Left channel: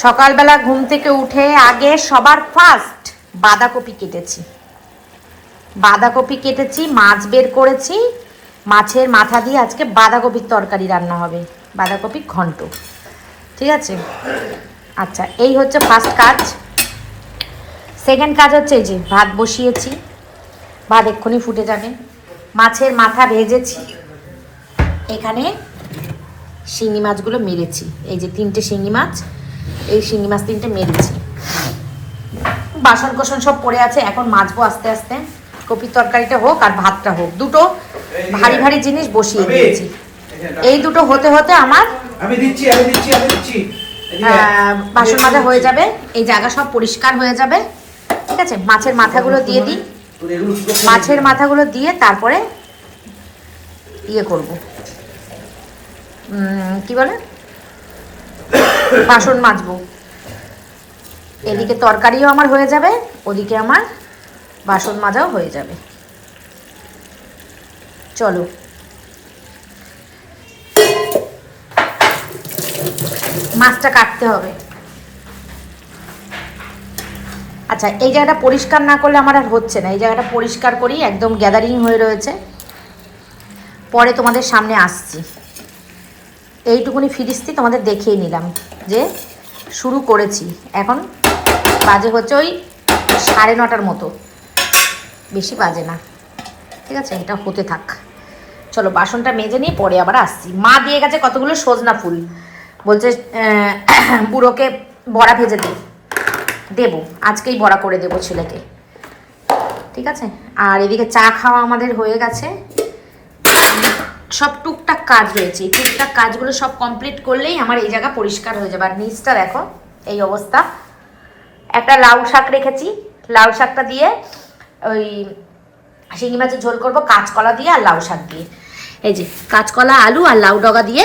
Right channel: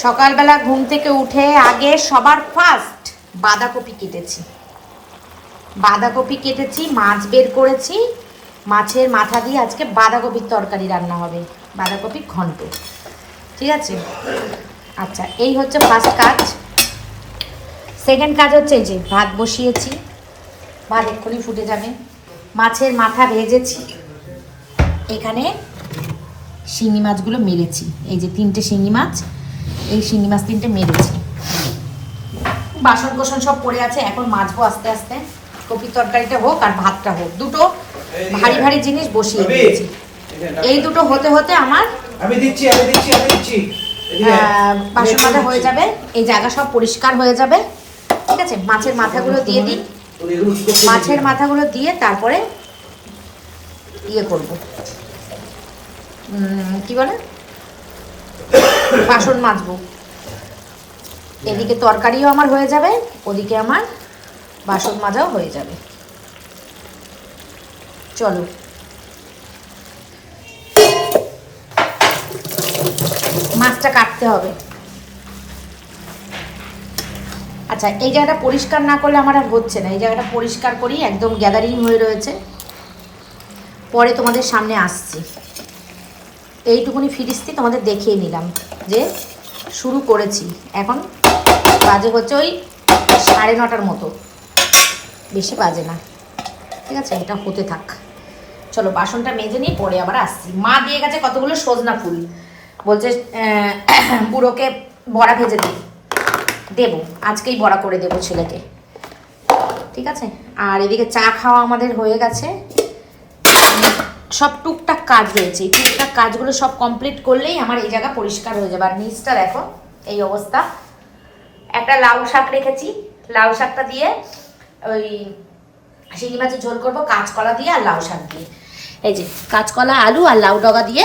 সকালবেলা ঘুম থেকে উঠে আগে সবার ফার্স্ট বাঁধাকপি কেটেছি। বাঁধাকপি কেটেছি, মাছ বের করেছি। মাছের মাথা দিয়ে আজকে বাঁধাকপির তরকারি রান্না হবে। বাঁধাকপি ঘন্ট। ঠিক আছে? আচ্ছা এই হচ্ছে ফার্স্ট কাজ। সেকেন্ড কাজ হচ্ছে এই যে ভাত বসিয়েছি। ভাত এক্ষুনি ফুটে যাবে। মাছের মাথা ভেজেছি। এখানে শিঙি মাছগুলো মেরেছি। এই যে তিনটে শিঙি মাছ। এই শিঙি মাছ তিনটে মেরেছি। বাসন কোসন সব পড়ে আছে এখন মাজবো আস্তে আস্তে। কপির তরকারিটা হোক আর ভাতটা হোক দুটো ভারী ভারী জিনিস বসিয়ে দিয়েছি। এই দুটো হতে হতে আমার আমি দিচ্ছি আমি দিচ্ছি আমি দিচ্ছি। বাসন মাজা হয়ে যাবে এই জায়গা সব পরিষ্কার হয়ে যাবে। ঠিক আছে মাছের মাথাগুলো দিয়ে দিই? মাছের মাথাগুলো দিয়ে তারপরে ইয়ে করব। উম, কি বলে? বাসন মাজবো। এদিকে তরকারিও আমার হয়ে যাবে, ওদিকে আমার বাসন মাজাও হয়ে যাবে। চলো। মাছটা কাটতে হবে। আচ্ছা এই জায়গাটা পরিষ্কার না করলে আমার আর হচ্ছে না। এই জায়গাটা পরিষ্কার করি একদম গ্যাদারিং হয়ে রয়েছে। পরে তোমাদের সামনে আসছি। এইটুকুনি ফিরিস্তি তোমাদের দেখিয়ে নিলাম যে শুরু করেছি। এখন বাজে হচ্ছে ওই সাড়ে নটার মতো। বেশি বাজে না। ঠিক আছে? এটা হতে থাক। চলো, বাসনটা মেজে নিয়ে পরে আবার আসছি। মা দিয়ে গেছে কতগুলো সজনা ফুল। বলছে বুড়োকে বড়া ভেজে দিই দেবো। আজকেই বড়া করে দেবো ছেলেকে। ঠিক আছে? আর এদিকে চা খাওয়া আমাদের হয়ে গেছে। সব টুকটাক কাজ রয়েছে। টুকটাক কাজগুলো সব কমপ্লিট করলেই আমার এই জায়গা পরিষ্কার হয়ে যাবে। আর নিচটা দেখো, এই অবস্থা। একটা লাউ শাক রেখেছি। লাউ শাকটা দিয়ে ওই শিঙি মাছের ঝোল করব, কাঁচকলা দিয়ে আর লাউ শাক দিয়ে। এই যে, কাঁচকলা, আলু আর লাউ ডগা দিয়ে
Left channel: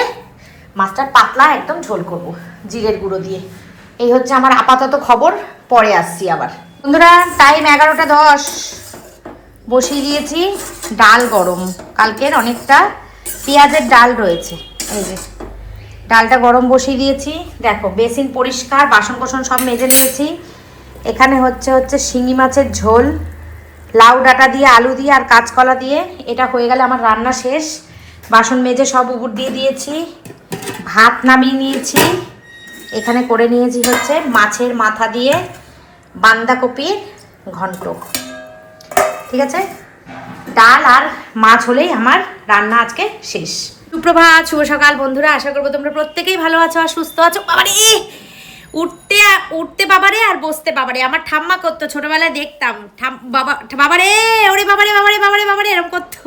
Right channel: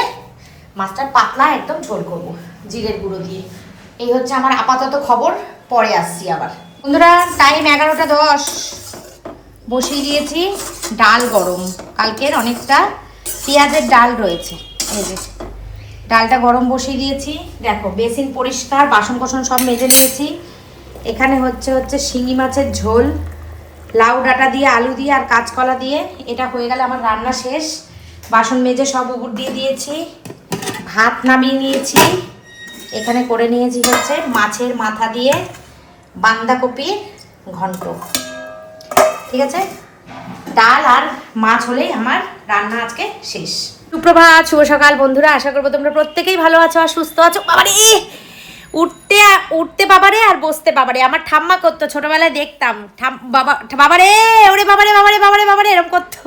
মাছটা পাতলা একদম ঝোল করব, জিরের গুঁড়ো দিয়ে। এই হচ্ছে আমার আপাতত খবর, পরে আসছি আবার। বন্ধুরা টাইম এগারোটা দশ। বসিয়ে দিয়েছি, ডাল গরম। কালকের অনেকটা পেঁয়াজের ডাল রয়েছে। এই যে, ডালটা গরম বসিয়ে দিয়েছি। দেখো, বেসিন পরিষ্কার বাসন কোসন সব মেজে নিয়েছি। এখানে হচ্ছে হচ্ছে শিঙি মাছের ঝোল, লাউ ডাঁটা দিয়ে, আলু দিয়ে আর কাঁচকলা দিয়ে। এটা হয়ে গেলে আমার রান্না শেষ। বাসন মেজে সব উপর দিয়ে দিয়েছি। ভাত নামিয়ে নিয়েছি। এখানে করে নিয়েছি হচ্ছে মাছের মাথা দিয়ে বাঁধাকপির ঘন্ট। ঠিক আছে? ডাল আর মাছ হলেই আমার রান্না আজকে শেষ। সুপ্রভাত, শুভ সকাল বন্ধুরা, আশা করব তোমরা প্রত্যেকেই ভালো আছো আর সুস্থ আছো। বাবারে, উঠতে উঠতে বাবারে আর বসতে বাবারে। আমার ঠাম্মা করতো, ছোটবেলায় দেখতাম। বাবা, বাবারে, ওরে বাবারে বাবারে বাবারে বাবারে, এরকম করতো।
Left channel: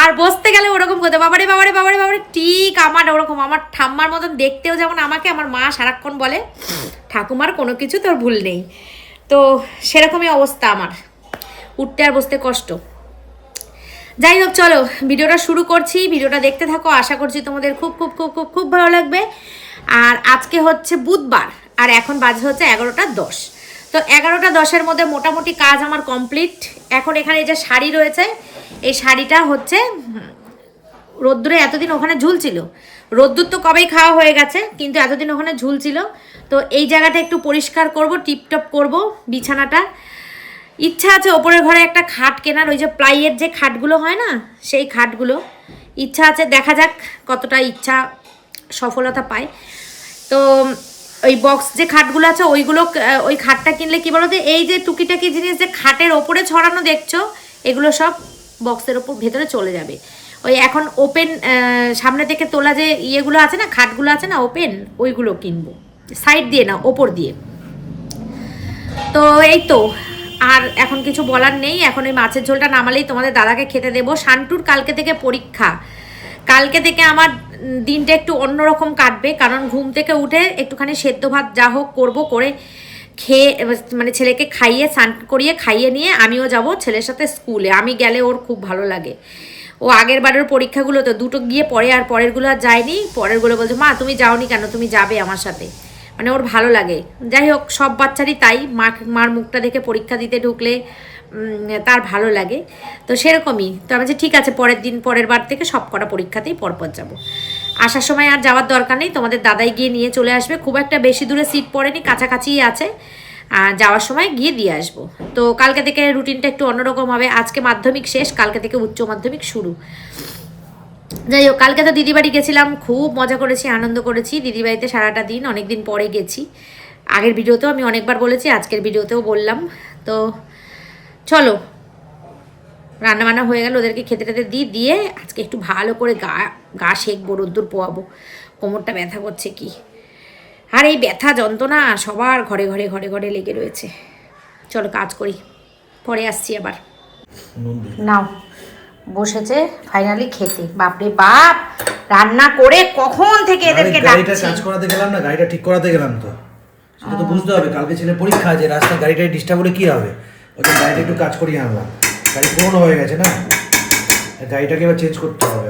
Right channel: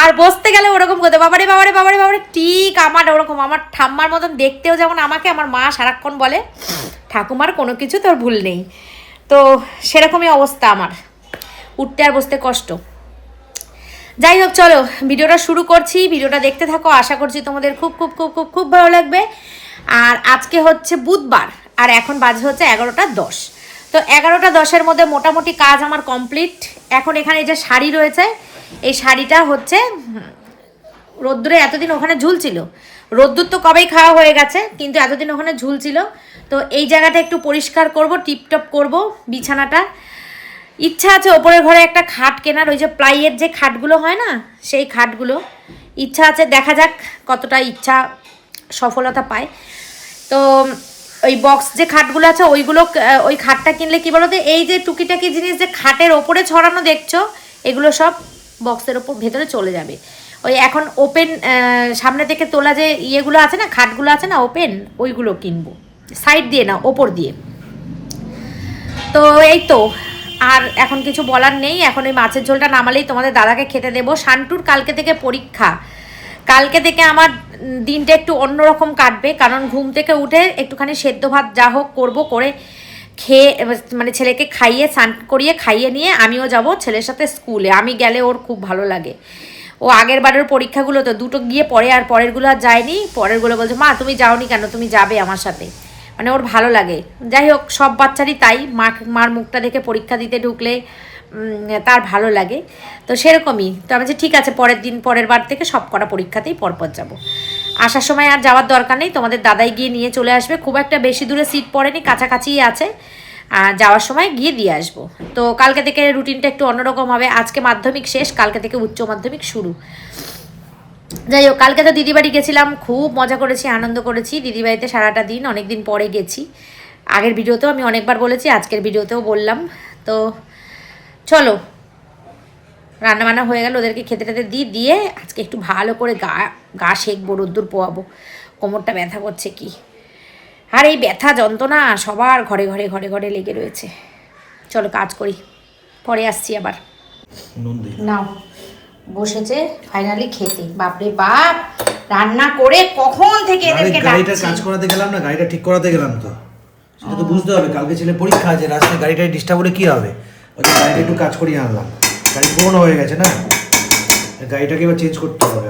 আর বসতে গেলে ওরকম করতো, বাবারে বাবারে বাবারে বাবারে, ঠিক আমার ওরকম। আমার ঠাম্মার মতন দেখতেও যেমন আমাকে, আমার মা সারাক্ষণ বলে, ঠাকুমার কোনো কিছু তোর ভুল নেই। তো সেরকমই অবস্থা আমার। উঠতে আর বসতে কষ্ট। যাই হোক চলো, ভিডিওটা শুরু করছি। ভিডিওটা দেখতে থাকো, আশা করছি তোমাদের খুব খুব খুব খুব খুব ভালো লাগবে। আর আজকে হচ্ছে বুধবার, আর এখন বাজে হচ্ছে এগারোটা দশ। তো এগারোটা দশের মধ্যে মোটামুটি কাজ আমার কমপ্লিট। এখন এখানে যে শাড়ি রয়েছে, এই শাড়িটা হচ্ছে, রোদ্দুরে এতদিন ওখানে ঝুলছিল। রোদ্দুর তো কবেই খাওয়া হয়ে গেছে, কিন্তু এতদিন ওখানে ঝুলছিল। তো এই জায়গাটা একটু পরিষ্কার করব, টিপটপ করব বিছানাটা। ইচ্ছা আছে ওপরের ঘরে একটা খাট কেনার, ওই যে প্লাইয়ের যে খাটগুলো হয় না, সেই খাটগুলো। ইচ্ছা আছে, দেখা যাক কতটা ইচ্ছা সফলতা পায়। তো, ওই বক্স যে খাটগুলো আছে, ওইগুলো ওই খাটটা কিনলে কি বলতো, এই যে টুকিটাকি জিনিস যে খাটের ওপরে ছড়ানো দেখছ, এগুলো সব বক্সের ওপর, ভেতরে চলে যাবে। ওই এখন ওপেন সামনে থেকে তোলা যে ইয়েগুলো আছে না, খাটগুলো আছে না ওপেন ওইগুলো কিনবো। সাইড দিয়ে না, ওপর দিয়ে। তো, এই তো আর এখন কিছু বলার নেই, এখন ওই মাছের ঝোলটা নামালেই তোমাদের দাদাকে খেতে দেবো। শান্টুর কালকে থেকে পরীক্ষা। কালকে থেকে আমার দিনটা একটু অন্যরকম কাটবে, কারণ ঘুম থেকে উঠে একটুখানি সেদ্ধ ভাত যা হোক করব, করে খেয়ে মানে ছেলেকে খাইয়ে, স্নান করিয়ে, খাইয়ে নিয়ে আমিও যাব ছেলের সাথে স্কুলে। আমি গেলে ওর খুব ভালো লাগে। ও আগের বারের পরীক্ষাগুলো তো, দুটো গিয়ে পরে আর পরেরগুলো আর যায়নি। পরেরগুলো বলছে, মা, তুমি যাওনি কেন? তুমি যাবে আমার সাথে। মানে ওর ভালো লাগে। যাই হোক, সব বাচ্চারই তাই। মা মার মুখটা দেখে পরীক্ষা দিতে ঢুকলে তার ভালো লাগে। তো সেরকমই। তো আমি ঠিক আছে, পরের দিন, পরের বার থেকে সব কটা পরীক্ষাতেই পরপর যাব। আসার সময় আর যাওয়ার দরকার নেই। তোমাদের দাদাই গিয়ে নিয়ে চলে আসবে। খুব একটা বেশি দূরে সিট পড়েনি, কাছাকাছিই আছে। আর যাওয়ার সময় গিয়ে দিয়ে আসব। তো কালকে থেকে রুটিনটা একটু অন্যরকম হবে। আজকে মাধ্যমিক শেষ, কালকে থেকে উচ্চ মাধ্যমিক শুরু। যাই হোক কালকে তো দিদি বাড়ি গেছিলাম খুব মজা করেছি আনন্দ করেছি। দিদি বাড়িতে সারাটা দিন অনেক দিন পরে গেছি। আগের ভিডিওতেও আমি অনেকবার বলেছি আজকের ভিডিওতেও বললাম। তো চলো রান্না বান্না হয়ে গেল ওদেরকে খেতে টেতে দিই দিয়ে আজকে একটু ভালো করে গা গা শেখবো রোদ্দুর পোয়াবো। কোমরটা ব্যথা করছে কি? আর এই ব্যথা যন্ত্রণা সবার ঘরে ঘরে ঘরে ঘরে লেগে রয়েছে। চলো কাজ করি। পরে আসছি আবার। নাও। বসেছে ফাইনালি খেতে। বাপরে বাপ! রান্না করে কখন থেকে এদেরকে গাড়িটা কাজ করাতে গেলাম না গাড়িটা ঠিক করাতে গেলাম তো। সেটা তো বুঝতে হবে কালকে ছেলে পরীক্ষা আছে রাস্তায় গাড়িটায় ডিস্টার্ব হলে কি হবে? ওই গাড়িটা একটু কাজ করিয়ে আনলাম। গাড়ি পুরোনো হয়ে গেছে না? গাড়িটাকে এবার চেঞ্জ করতে হবে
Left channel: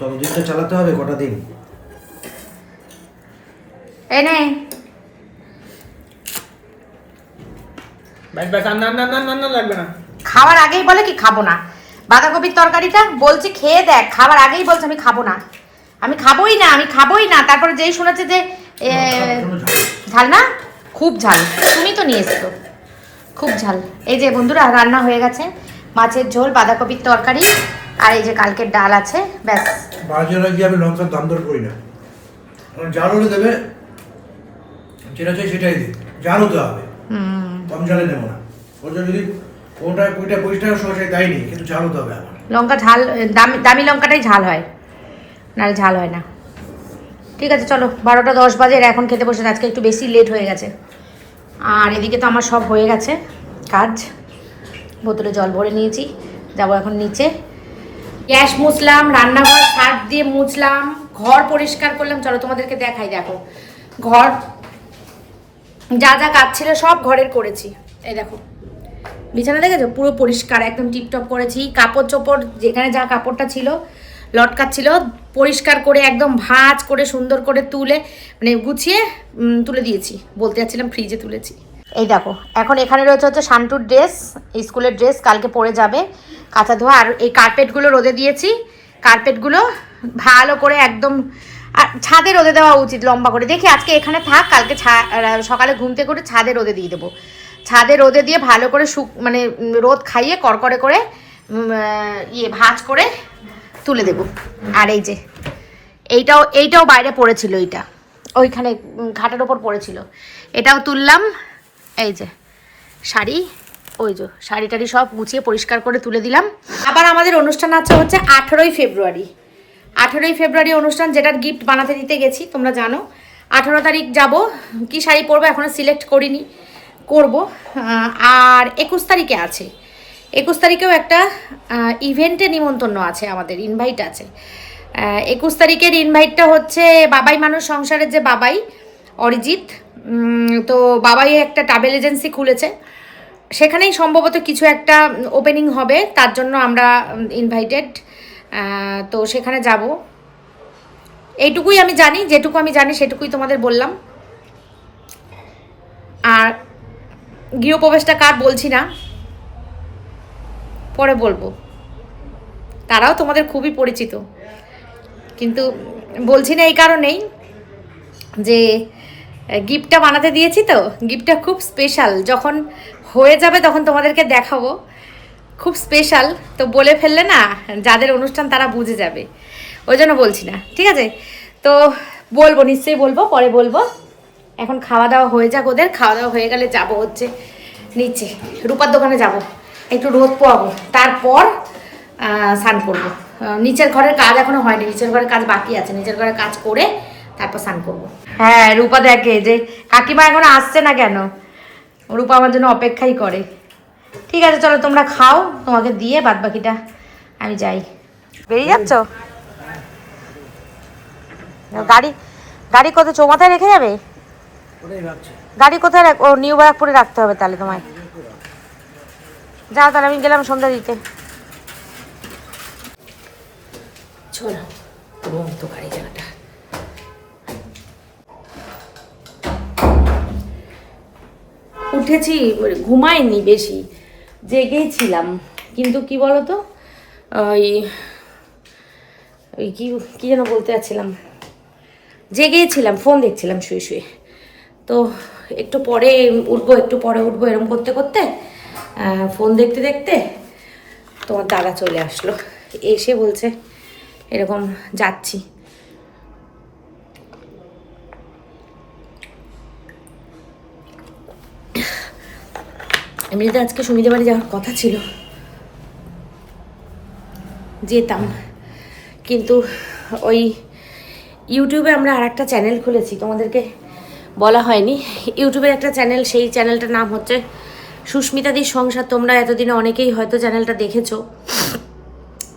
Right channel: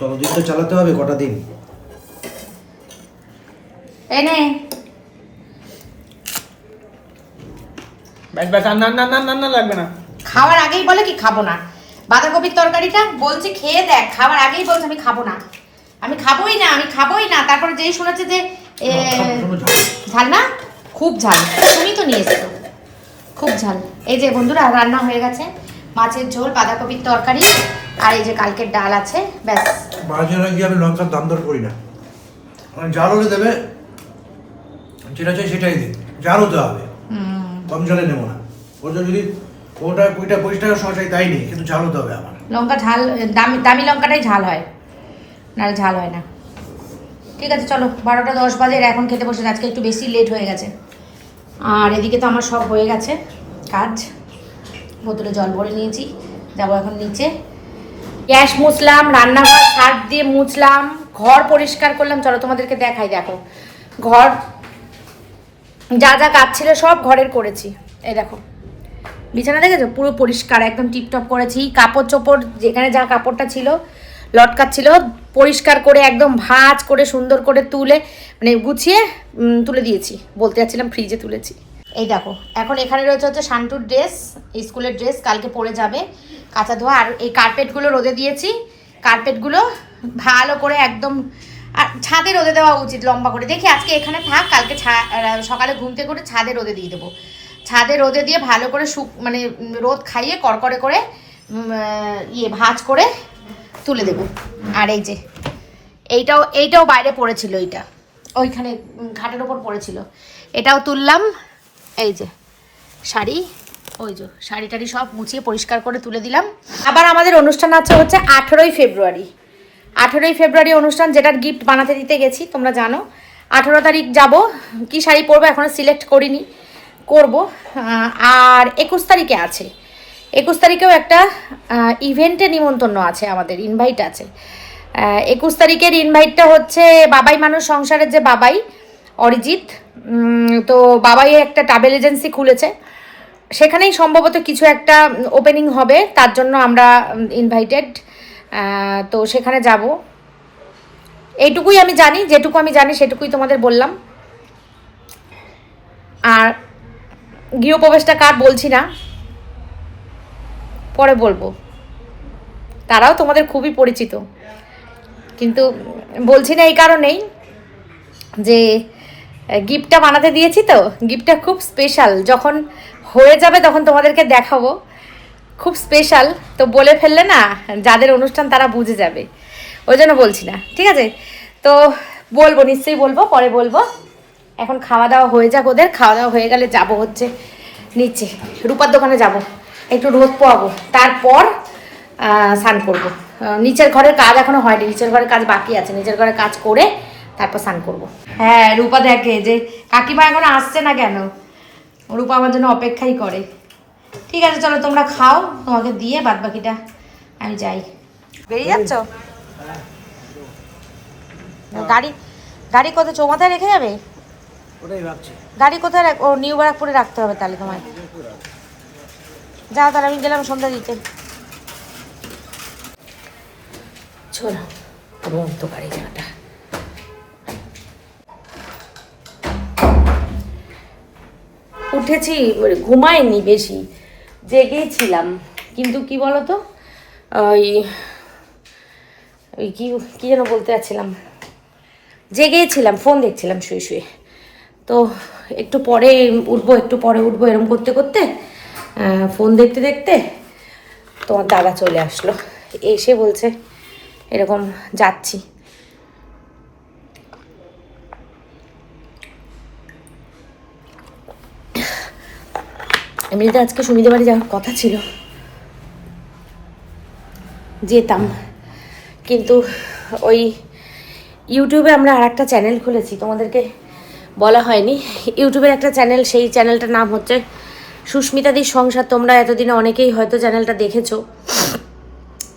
ততদিন তো চালাতে হবে কটা দিন? এই নে। ব্যাস ব্যাস না না না না লাগবে না। খাওয়ার আগেই বলে কি খাব না? বাঁধাকপির তরকারিটা বলছি খেয়ে দেখ খাবার আগেই বলছে আমি খাব না। আমি খাবোই না আমি খাবোই না। তারপরে যেই শুনেছে যে ঝাল। না? খুব ঝাল। তুমি তো নিয়ে এসছো। খুব ঝাল। এই যে বন্ধুরা রান্না হয়ে গেছে। মাছের ঝোল বাঁধাকপির তরকারি আর এই যে কালকের ডাল আছে ব্যাস। বাজারে গিয়ে আমি লঙ্কার দাম দর করি না। জাল হলে দেবে যেটা চাই সেটাই দিই জাল হতে হবে। হুম। কম জালে নেব না। ওটা যদি ওটা কুড়িটা পঁচিশ টাকার চাই তাই নেই কিন্তু জাল হতে হবে আমার। লঙ্কা ঝাল, দামি দামি লঙ্কাটাই ঝাল হয়। নাহলে ঝাল হয় না। ঠিক আছে, চলো, বারোটা দশ বাজে এখন খেতে বসে আজকে একটু বেশি লেট হয়ে গেছে। আর এদিকে তো আমার সব হয়ে গেছে কাজ। বোতলে জল ভরে নিয়েছি, যাব এখন নিচে। গ্যাস মুছলাম, রান্নাঘর শাক দিয়ে মুছলাম, ঘর পরিষ্কার করলাম। চলো তোমাদেরকে দেখাই, দেখো। ঘর, যা যা কাজ ছিল সব ঘরের করেছি। এই দেখো। বিছানা দেখেছ? পুরো পরিষ্কার, একদম টিপটপ করেছি কাপড় চোপড় যেখানে যা কাপড়টা ছিল, লটকাচ্ছিল, পরিষ্কার করে একদম ভাঁজ করে সুন্দর করে তুলে মানে গুছিয়ে তুলে দিয়েছি। বলতে যাচ্ছিলাম ফ্রিজে তুলেছি। এই দেখো, এখন এখানে রয়েছে হচ্ছে শান্টুর ড্রেস স্কুলের ড্রেস কালকে পরে যাবে। কাঁচা ধোয়া, আর এই কার্পেটগুলো রোদে দিয়েছি। কার্পেটগুলো ভালো করে একদম, আর ছাদে রোদে দেওয়া উচিত লম্বা করে। দেখি আজকে এখানে থাক, কালকে সকালে ঘুম থেকে উঠে ছাদে রোদে দিয়ে দেবো। ছাদে রোদে দিয়ে ভালো করে শুক মানে রোদ খাইয়ে কড়কড়ে করে ইয়ে ভাঁজ করে তুলে দেব। আর এই যে, এইটাও এইটাও বাইরে পড়েছিল এইটা। ওইখানে ঘাটের ওপর পড়েছিল। এটাও তুললাম। এই যে, শাড়ি, ওই যে, শাড়ি টাড়ি সব মুছিয়ে পরিষ্কার করে তুলে দিলাম। আবার আমাদের অনুষ্ঠান আছে হচ্ছে আঠেরোই ফেব্রুয়ারি। আঠেরোই ফেব্রুয়ারি অনুষ্ঠান, যেটার গিফট বানাতে দিতে গেছি, তোমরা জানো। আঠেরো তারিখ যাব। কি শাড়ি পরবো এখনও সিলেক্ট করিনি। করব। আর একুশ তারিখে আছে। একুশ তারিখেও একটা ইভেন্টে নিমন্ত্রণ আছে আমাদের ইনভাইট আছে। একুশ তারিখের ইনভাইটটা হচ্ছে বাবাই মানুষ সংসারের যে বাবাই, অরিজিৎ। তো বাবাই একটা ট্রাভেল এজেন্সি খুলেছে। সেখানেই সম্ভবত কিছু একটা ওপেনিং হবে, তার জন্য আমরা ইনভাইটেড তো সেখানে যাব। এইটুকুই আমি জানি, যেটুকু আমি জানি সেটুকুই তোমাদের বললাম আর গৃহপ্রবেশটা কার বলছি না? পরে বলব। তারাও তোমাদের খুবই পরিচিত। কিন্তু বলছি না এই কারণেই যে গিফটটা বানাতে দিয়েছি তো, গিফটটা খুব স্পেশাল যখন হয়ে যাবে তখন তোমাদেরকে দেখাবো। খুব স্পেশাল তো বলে ফেললে না, যাদের অনুষ্ঠান তারা বুঝে যাবে। ওই জন্য বলছি না। ঠিক আছে? তো বলব, নিশ্চয়ই বলব, পরে বলব। এখন খাওয়া দাওয়া হয়ে যাক ওদের খাওয়া দাওয়া হয়ে গেলে যাব হচ্ছে নিচে রূপার দোকানে যাব একটু রোদ পোয়াবো তারপর স্নান করব। নিচের ঘরের কাজ এখনও হয়নি নিচের ঘরের কাজ বাকি আছে নিচের ঘরের কাজ করে তারপর স্নান করব। হ্যাঁ রূপা দেখে যে কাকিমা এখন আসছে না কেন? রূপা আমার জন্য অপেক্ষাই করে। ঠিক আছে চলো তোমরা খাও তোমাকে দিয়ে বাদ বাকিটা আমি যাই। বেরিয়ে যাচ্ছ? গাড়ি গাড়ি কত চৌমাথায় রেখে যাবে? গাড়ি কোথায় রাখ- ও নিউ ব্যারাকপুরে রাখতে হবে তাহলে তোমায়। যাও তাহলে আমি গেলাম সন্ধ্যা দিতে। চলো রুম তো গাড়ি জায়গাটা উঠেছি মানে ঘুমাইনি বেশি, জেগেই ছিলাম। কিন্তু কি বলতো, ওই ওই কি কী যেন বলতে যাচ্ছিলাম। জেগেছিলাম ফোন দেখছিলাম শুয়ে শুয়ে। তো একটু পরে উঠবো, একটু পরে উঠবো এরম করতে করতে ফোন দেখতে দেখতে তোমার দাদা চলে আসলো। এসে বলছে, এরকম যাচ্ছি। এমনিতে আজকে সুমিদের বাড়ি যাওয়ার কথা ছিল। যেতাম। কিন্তু ওই ইউটিউবে আমরা আর একটা চ্যানেল খুলেছি, তোমাদেরকে বলা হয়নি। ইউটিউবের একটা চ্যানেল, সেই চ্যানেলটার নাম হচ্ছে সুস্মিতাদির সংসার। তোমরা এতদিনে অনেকেই হয়তো চ্যানেলটা দেখেছ,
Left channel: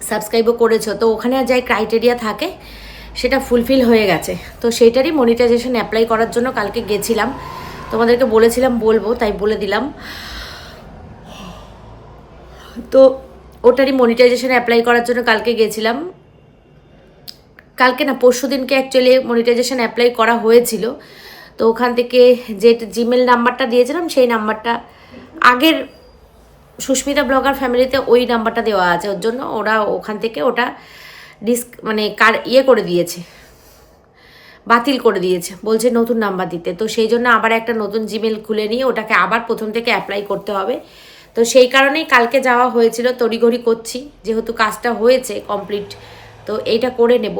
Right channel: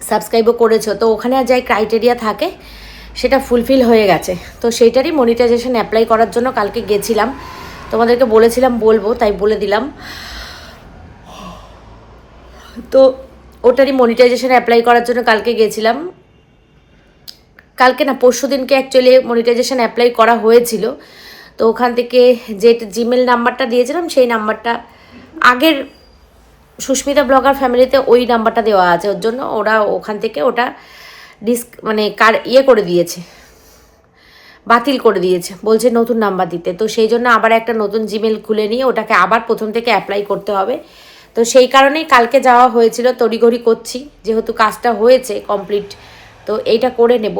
সাবস্ক্রাইবও করেছ। তো ওখানে আর যাই ক্রাইটেরিয়া থাকে, সেটা ফুলফিল হয়ে গেছে। তো সেইটারই মনিটাইজেশন অ্যাপ্লাই করার জন্য কালকে গেছিলাম। তোমাদেরকে বলেছিলাম, বলব, তাই বলে দিলাম। তো ওটারই মনিটাইজেশন অ্যাপ্লাই করার জন্য কালকে গেছিলাম। কালকে না পরশু দিনকে অ্যাকচুয়ালি মনিটাইজেশন অ্যাপ্লাই করা হয়েছিল। তো ওখান থেকে যে জিমেল নাম্বারটা দিয়েছিলাম, সেই নাম্বারটা আগের সুস্মিতা ব্লগার ফ্যামিলিতে ওই নাম্বারটা দেওয়া আছে, ওর জন্য ওরা ওখান থেকে ওটা ডিস্ক মানে কার ইয়ে করে দিয়েছে, বাতিল করে দিয়েছে, বলছে নতুন নাম্বার দিতে। তো সেই জন্য আবার একটা নতুন জিমেল খুলে নিয়ে ওটাকে আবার প্রথম থেকে অ্যাপ্লাই করতে হবে। তো সেই কারণেই কালকে যাওয়া হয়েছিল, তড়িঘড়ি করছি, যেহেতু কাজটা হয়েছে কমপ্লিট তো এইটা করে নেব।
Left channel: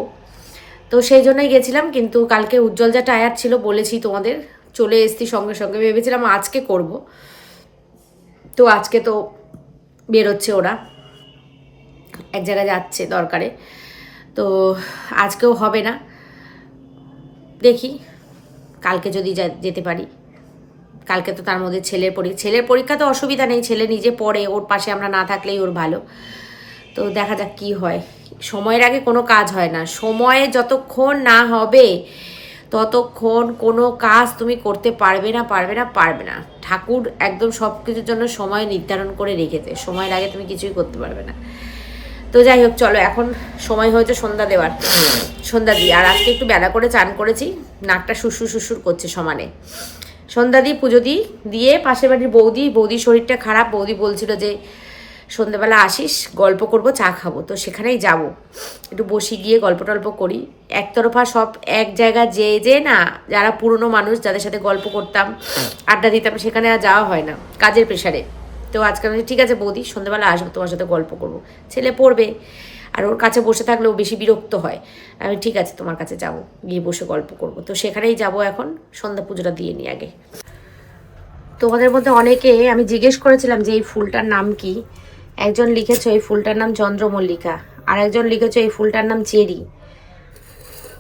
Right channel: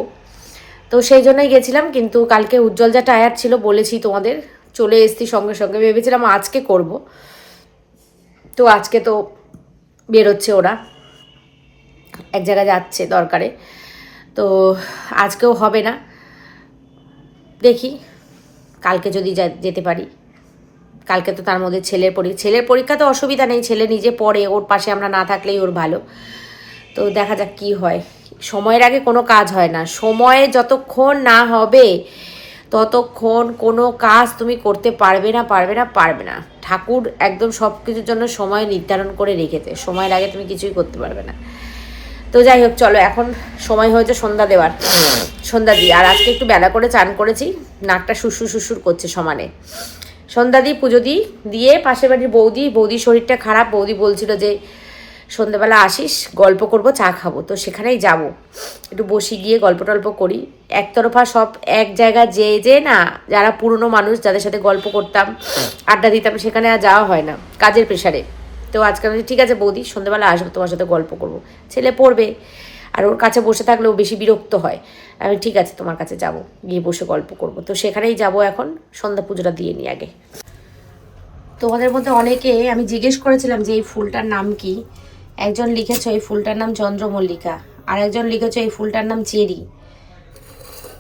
তো সেই জন্যই গেছিলাম, কিন্তু কালকে উজ্জ্বল যা টায়ার ছিল বলেছি তোমাদের, চলে এসছি সঙ্গে সঙ্গে, ভেবেছিলাম আজকে করব। তো আজকে তো বেরোচ্ছে ওরা, এক জায়গায় যাচ্ছে দরকারে, তো আজকেও হবে না। দেখি, কালকে যদি যেতে পারি। কালকে তো তার মধ্যে ছেলের পরীক্ষা ছেলের পরীক্ষা তো অসুবিধা নেই, ছেলে নিজে পড়ে, ওর পাশে আমরা না থাকলেই ওর ভালো। তো দেখা যাক কি হয়। সময়ের আগে কোনো কাজ হয় না। সময়ে যতক্ষণ না হবে, ততক্ষণ কোনো কাজ তুমি করতে পারবে না পারবে না পারবে না। ঠাকুর একদম সব কিছুর জন্য সময় নির্ধারণ করে রেখেছে। সময়ের আগে তুমি কিছুই করতে পারবে না। তো যাই হোক, চলো এখন সময় হয়েছে সন্ধ্যা দেওয়ার। সন্ধ্যা দিয়ে আর আজকে একটু বেলা করে চান করেছি। নাকটা শুশুর শুশুর করছে সমানে। সন্ধ্যা দিই পুজো দিই দিয়ে পাশের বাড়ির বৌদি, বৌদির শরীরটা খারাপ। বৌদি বলছিল যে সন্ধ্যেবেলা আসিস, গল্প করব, চা খাব। তো সেখানেই যাব। একটু বসি গিয়ে গল্প টল্প করি। একতরফা সব এক জায়গায় যে যে না, যারা পুরনো মানুষ, যাদের সাথে গল্প করতাম, আড্ডা দিতাম, সেখানে আর যাওয়া হয় না, কাজের প্রেশারে। তো আজকে আমি ঠিক আছে বৌদি, সন্ধ্যেবেলা আসব, তোমার সাথে গল্প করব। ছেলে পড়বে, আর ওর কাছে বসে থাকলেও বেশি বিরক্ত হয়। আমি ঠিক আছে, তোমার কাছে যাব, গিয়ে বসে গল্প করব। তো সেখানেই যাব এখন, সন্ধ্যা পুজোটা দিয়ে নিই আগে। তোমাদের মধ্যে অনেকে, আমি জিজ্ঞেস করেছিলাম যে এই ফুলটার নাম কি? একজন লিখেছো এই ফুলটার নাম চন্দ্রমল্লিকা, আর একজন লিখেছো এই ফুলটার নাম চেরি।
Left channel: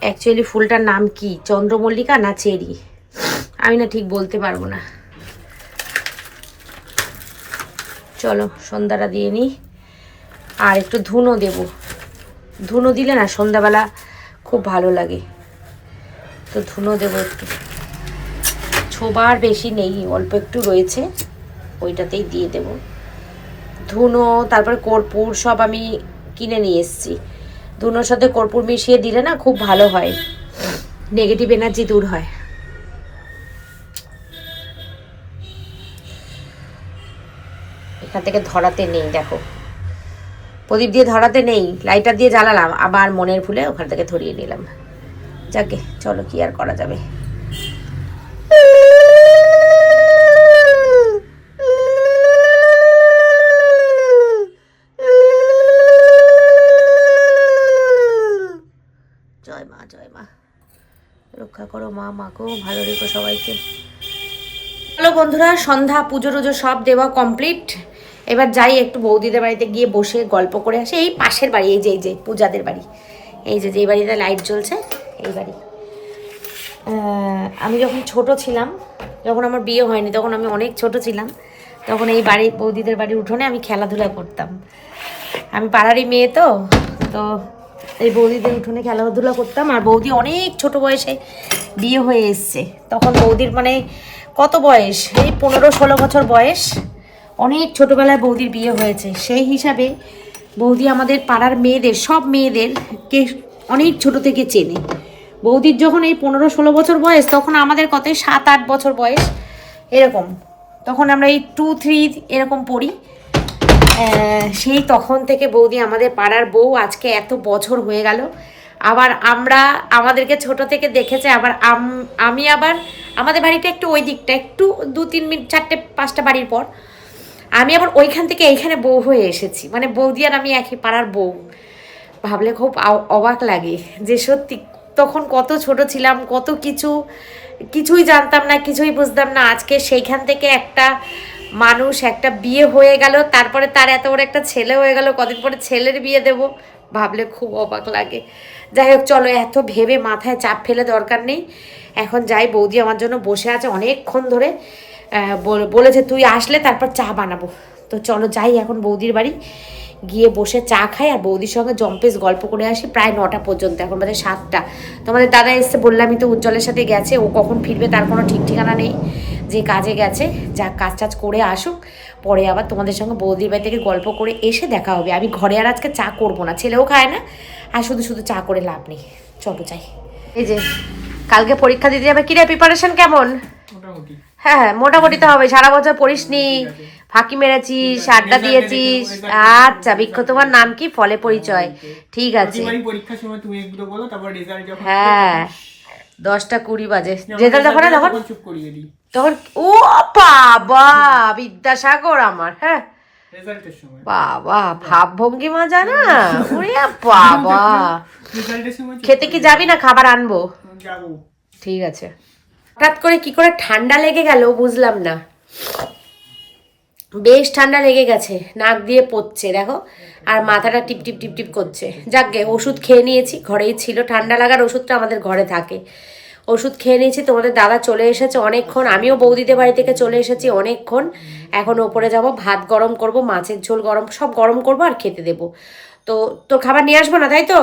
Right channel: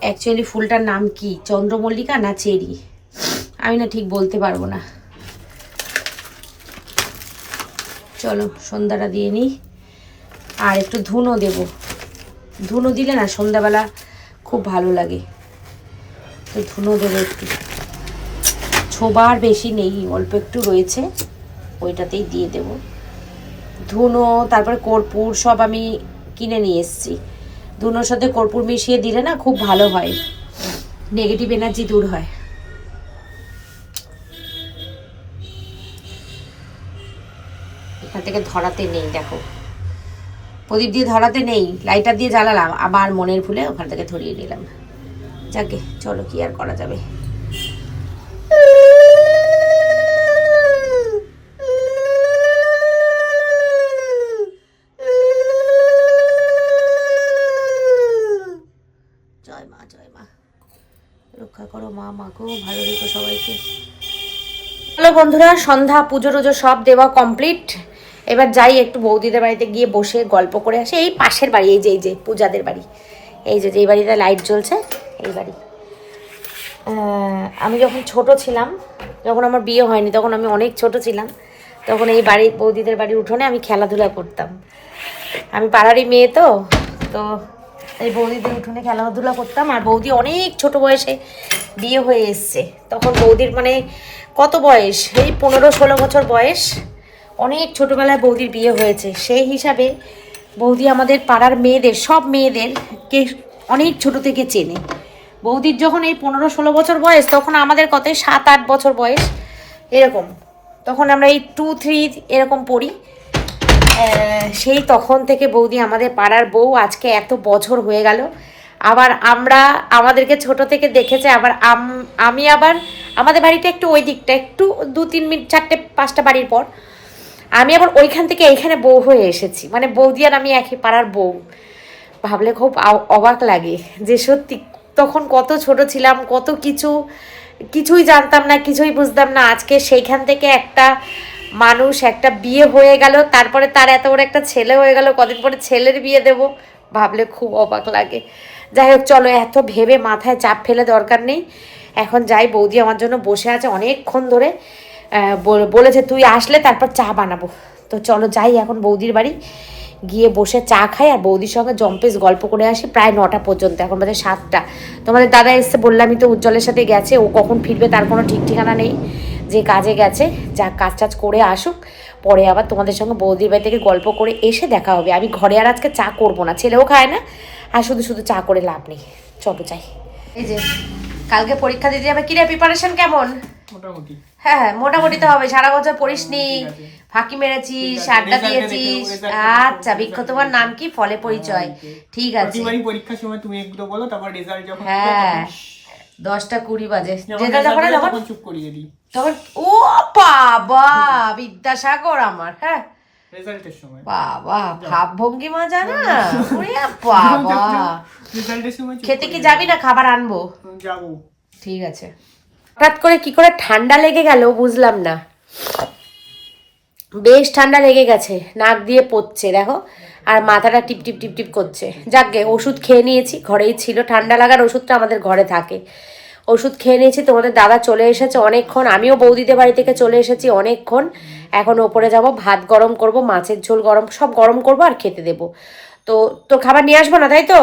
অ্যাকচুয়ালি ফুলটার নাম কি, চন্দ্রমল্লিকা না চেরি? আমি না ঠিক বলতে পারব না। চলো, সন্ধ্যাটা দিয়ে নিই। আর একটু ধুনো দেব। ধুনো দিলে না সন্ধ্যাবেলা খুব ভালো লাগে। তো ধুনো দেবো একটু। ছোবার বেশি নেই, অল্প একটু রয়েছে, ওইটাতেই দিয়ে দেব। ধুনো, তারপরে কর্পূর সব আমি কিনে নিয়ে এসেছি। ধুনোর সাথে কর্পূর মিশিয়ে দিলে না খুব ভালো হয়। নেগেটিভ এনার্জি দূর হয়। এখান থেকে ধরাতে নেই, দেখো। প্রদীপ দিয়ে ধরাতে নেই লাইটার দিয়ে জ্বালালাম, আবার মনের ভুলে ওখান থেকে ধরিয়ে নিলাম। যাকে, চলো কি আর করা যাবে। জয় মা রক্ষা করো মা মাকেও ভালো রেখো সবাইকে। হ্যালো বন্ধুরা, সন্ধ্যা, পুজো টুজো সব দেওয়া কমপ্লিট। এবার যাই একটু বৌদিদের বাড়িতে গিয়ে বসে গল্প করে আসি। এই পাশের বাড়ি, এই যে এই যে, পূজাদের বাড়ি। এই যে যেই বাড়িতে লাইট জ্বলছে, এই বাড়ি। আমি যখন ছোট ছিলাম, যখন আমার বিয়ে হয়নি, তখন আমি অনেক ছোট ছিলাম, তখন এই বাড়ি, বৌদিদের বাড়ির উঠোনে আমি খেলাধুলা করতাম। আমি পাড়ারই মেয়ে তো তো এই বৌদিদের উঠোনে খেলাধুলা করতাম আর বৌদি অনেক ছোট বয়সে বিয়ে হয়ে এসছে। তখন বৌদির মানে কত বয়স? এই পনেরো ষোলো বছর বয়স। অনেক ছোটোবেলায় বৌদির বিয়ে হয়েছে। সেই হিসাবে বৌদি আমাদের পাড়ার মেয়েদের, সব মেয়েদেরকে অনেক ছোট থেকে চেনে। বৌদির যখন এই পনেরো ষোলো বছর বয়স, তখন আমাদের কত সাত আট বছর বয়স, এরকম। তখন আমরা এই টু থ্রি এরকম পড়ি। সেই তখন থেকে বৌদি আমাদের পাড়ার বউ আজকে এত বছর হয়ে গেল। আবার আমরা আমাদেরকে ছোট থেকে দেখেছে, আবার আম- আবার আমাদের বাড়িটা একটু ওই দিকটা, একটু দু তিন মিনিট, চারটে, পাঁচটা বাড়ির পর আমি আবার ওইখান থেকে এইখানে বউ হয়ে এসেছি। মানে বৌদি আর আমি একই পাড়ার বউ। ভাবলে খুব অবাক লাগে যে সত্যি তখন কত ছোট ছিলাম, কত কিছু, কিছুই জানতাম না, কিছুই বুঝতাম না। আজকে সেইখান থেকে একটা মানুষ একটা বিয়ে হয়ে গেল, তারপরে তার এত বড় একটা ছেলে হয়ে গেল, কদিন পরে ছেলের বিয়ে দেব। ভাবলে খুব অবাক লাগে। যাই হোক, চলো, এত ভেবে মাথায় চাপ ফেলে দরকার নেই। এখন যাই, বৌদি আমার জন্য বসে আছে অনেকক্ষণ ধরে। বলেছে তুই আসলে তারপর চা বানাবো। তো চলো যাই এখন বৌদির বাড়ি। গিয়ে বসে চা খাই আর বৌদির সঙ্গে জম্পেস গল্প করে আসি প্রায় নটা পর্যন্ত। এখন বাজে সাতটা। তোমাদের দাদা এসছে, বললামই তো উজ্জ্বলের সাথে গেছে, ও কখন ফিরবে তার কোনো ঠিক ঠিকানা নেই। যে কাজে গেছে যা কাজ টাজ করে আসুক পরে আবার তোমাদের সঙ্গে বৌদির বাড়ি থেকে গল্প করে এসে দেখা হবে। আমি ঘরে আর আজকে চা করব না ছেলেও খায় না। আর শুধু শুধু চা করে লাভ নেই। চলো যাই। এই যে কালকে পরীক্ষা দিতে যাবে কিরে প্রিপারেশন কেমন? হ্যাঁ হ্যাঁ মোটামুটি তো হবে। সারা বছর পড়িসনি ফাঁকি মেরেছিস আড্ডা দিয়েছিস। আচ্ছা বৃক্ষ তোমার নাম কি? ফলে পরিচয়। ঠিক আছে। পরীক্ষার সময় তুমি একটু বলো তারপর রেজাল্ট হ্যাঁ। দশটা কুড়ি বাজে। যখন তখন তখন চুপ করিয়ে দিই। তখন ও বাবা বিদ্যাসাগর আমার হ্যাঁ। বাবা ভাব ভঙ্গিমা জানা বাবা। খেতে কি যাবি না? খাবার আনব। ঠিক আছে। হঠাৎ করে কি করে ঠান্ডা লেগে গেল বুঝলাম না। বেশ ঠান্ডা লেগে গেছে নাক দিয়ে পড়ছে দেখো। আর মাথাটা টিপ টিপ টিপ টিপ করছে। যাকগে ওষুধ খেয়ে নিয়েছি ঘরেই ছিল। ঠান্ডা লাগার ওষুধটা আমাদের ঘরে থাকে। ওষুধ খেয়ে নিয়েছি তোমাদের দাদা চলে এসেছে অনেকক্ষণ আমিও বৌদিদের বাড়ি থেকে চলে এসেছি অনেকক্ষণ। এখন ওপরে যাব ভাত গরম করব মাছের ঝোল গরম সব গরম করব আর খেতে দেবো। তো তোর খাবার নিয়ে আসব না তাই তো?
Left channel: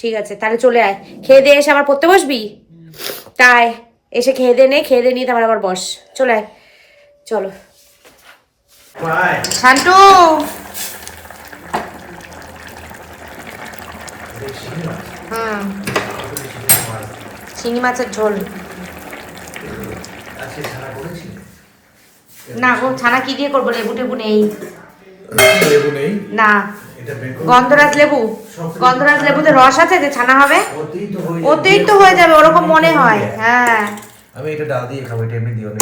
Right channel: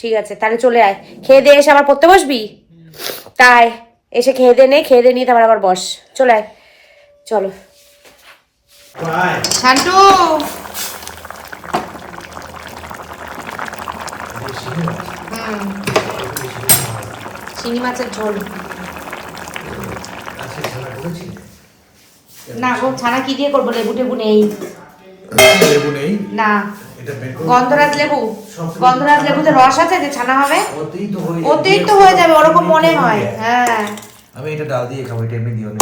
ঠিক আছে তাহলে চলে আয়। খেয়ে দিয়ে এসে আবার পড়তে বসবি? তাই এসে খেয়ে দে নে খেয়ে দে নিয়ে তারপর আবার বস। চলে আয়। চলো। শান্টু হুম। চিংড়ি মাছের ঝোল। না গো ছানা কি দিয়ে করব? লেবু টেবু নেই। লেবু নেই? না। গন্ধরাজ লেবু। গন্ধরাজ লেবুতে রস আছে যে ছানা হবে? ওতেই তো হয়ে ওতেই তো হয়ে যাবে ওরকম মনে হয়। হ্যাঁ আমি এটা ডাল দিয়ে খাব এটা এমনি দিও না।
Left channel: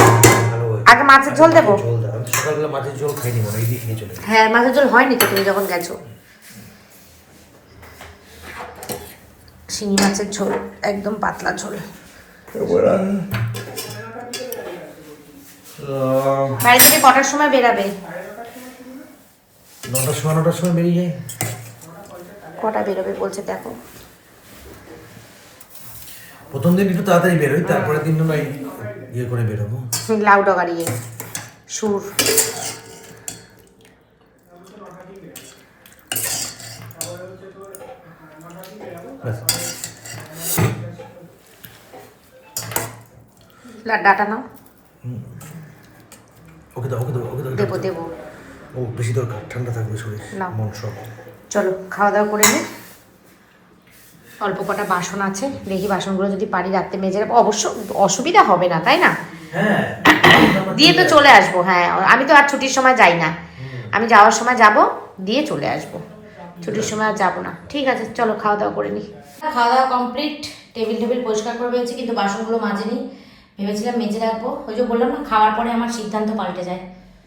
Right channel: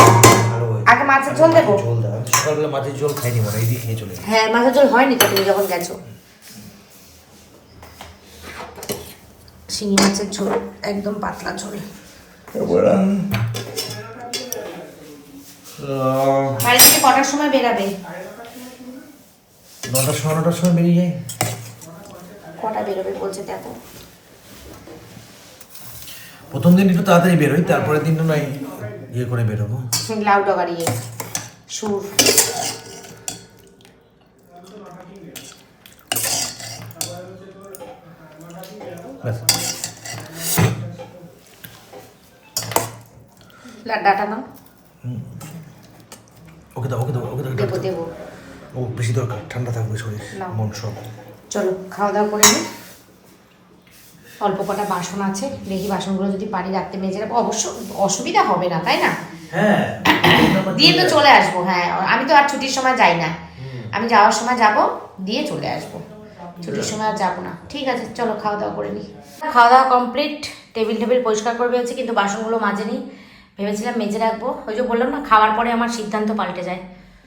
আগে মাছের ঝোল দেবো। ঝোল দাও। সকালবেলা মাছের ঝোল খাইনি মনে হয়, এই দিয়ে খেয়ে চলে হ্যাঁ মাছের ঝোল হয়নি তো তুমি যখন গেছো। শিঙি মাছের ঝোল একদম পাতলা ঝোল। বাড়ি থেকে কটার সময় বেরাবে? নটার সময় নটার সময় বেরিয়ে যাই। কটা বেরোবে বলছে দেখো। প্রথম দিন একটু তাড়াতাড়ি বেরোই তারপরে দিন নয় ইয়ে করে বেরোবো। লাউ ডগারিয়ে সুর। ব্যাস। ডাটা নাও। ওকে দাও ওকে দাও ওকে দাও দেবো দেবো। ও বেশি দরকার ঠান্ডা থাকবে শরীর মন সব। চলো খাওয়া দাওয়া করে নিই অল্প কটা বাসন আছে দেখি বাসনগুলো যদি পারি রাত্রে মেজে রাখব। অবশ্য অসুবিধা হবে না তাই না? হ্যাঁ। দিয়ে তো চলে আসব হ্যাঁ। আমি তো আর ছুটির সময় যাই না। আমি যাওয়ার সময় যাব দিয়ে চলে আসব। ছুটির সময় আর যাব না। ঠিক আছে চলো খাওয়া দাওয়া করে নিই খাওয়া দাওয়া কমপ্লিট টেবিল টেবিল পরিষ্কার করে ভেবেছি কিন্তু বাসনগুলো মাজেনি ভেবেছিলাম মেজে রাখব। ওই যে বললাম না, খাওয়ার পরে আমার সিদ্ধান্ত পাল্টে যায়।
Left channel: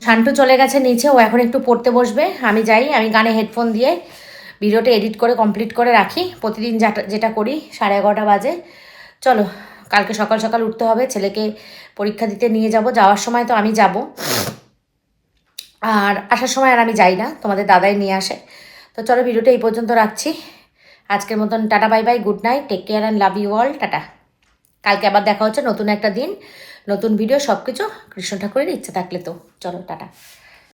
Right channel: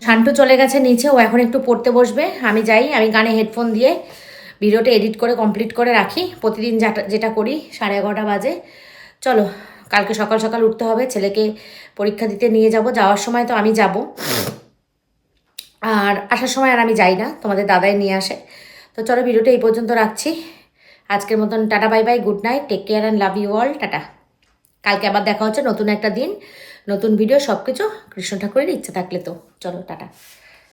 শান্টু চলে গেছে নিচে, ও এখন একটু পড়তে বসবে। আমি যাই, আমি গানে হেডফোন দিয়ে ভিডিওটা এডিট করে কমপ্লিট করে রাখি। প্রতিদিন যেটা যেটা করি, সাড়ে এগারোটা বাজে। চলো, কালকে সকাল সকাল উঠতে হবে, ছেলেকে পরীক্ষা দিতে নিয়ে যাব। যাওয়ার সময় তো আমি যাব। আর আসার সময় আর আমি যাই না, তোমাদের দাদাই নিয়ে আসে। তো চলো, ভিডিওটা এই পর্যন্ত রাখছি। আজকের মতন tata, bye bye, good night, take care and love you all, tata. কালকে আবার দেখা হচ্ছে, নতুন একটা দিন, নতুন ভিডিও সব কিছু কৃষ্ণ ঠাকুরের ইচ্ছা থাকলে তো। চলো, টাটা।